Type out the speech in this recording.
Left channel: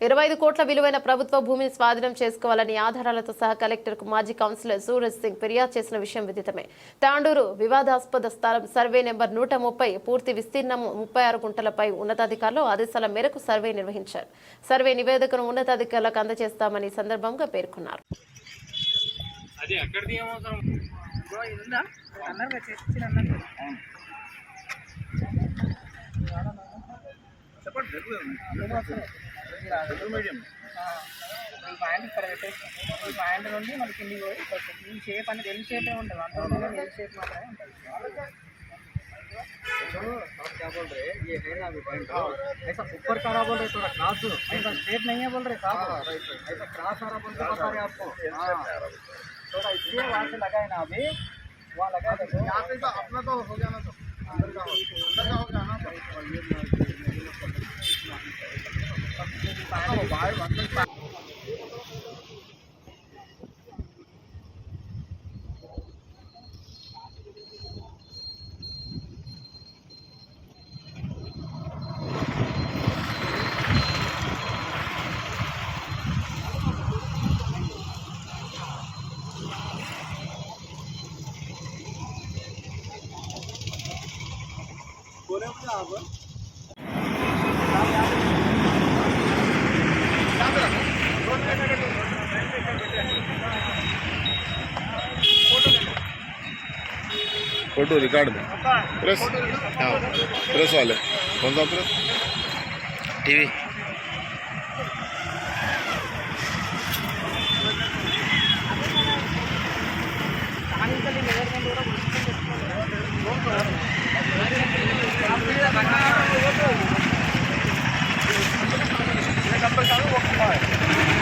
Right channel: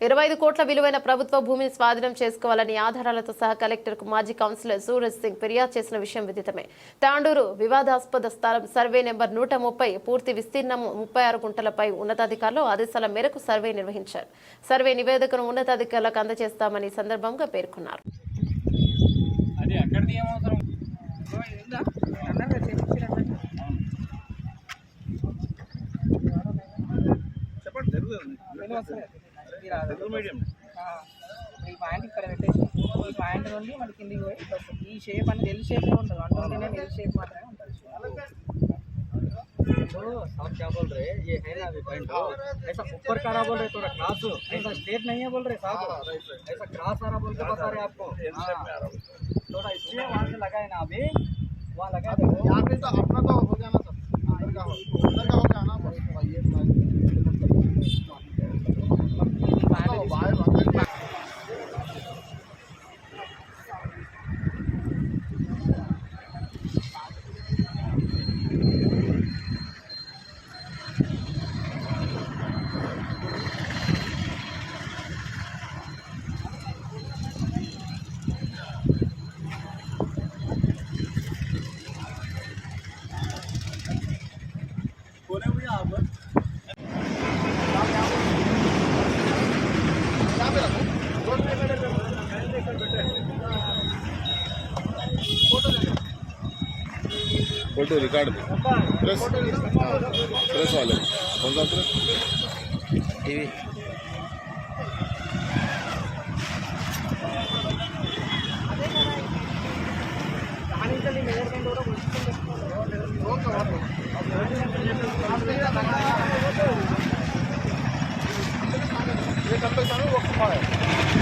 25 కోట్ల విలువైన ప్రభుత్వ భూమిని స్వాధీనం చేసుకోవాలని ఆధారాలతో సహా కలెక్టర్కు మాజీ కౌన్సిలర్ సూరజ్ సింగ్ ఫిర్యాదు చేసిన విషయం విదితమే. తాండూరు వివాదాస్పద స్థలం సర్వే నెంబర్ 130 పూర్తి విస్తీర్ణం 36 గుంటలపై ఉన్నతాధికారులు ఆదేశాల మేరకు సర్వే నిర్వహించారు. సర్వే నివేదికను ఉన్నతాధికారులకు అందజేస్తామని సందర్భంగా పేర్కొన్నారు. పాయింట్ ఇక్కడ పెట్టేసి ఈ పాయింట్ నుండి మన కిందికి పోయి ఈ షేప్ అనేది ఎల్ షేపే ఉంటుంది. అంటే ఎల్ షేప్ మాత్రమే ఉంటుంది. आप क्या बोल रहे हैं? ये है ना अभी पॉइंट ऐसा ऊपर का रहा बोल रहे थोड़ा क्रॉस ऐसा स्ट्रेट नहीं है बोल रहे साहब, ऐसा क्रॉस आ रहा बोल के बता रहे आपको थोड़ा इसलिए वहाँ से लगा है ना अभी वहाँ लगा दो यहाँ पे तो अपना तो हो गया ना तो अंदर का हो गया ना फोटो रिकॉर्ड में प्रेस प्रेस वाले कौन सा प्रेस टीवी कंपल्सरी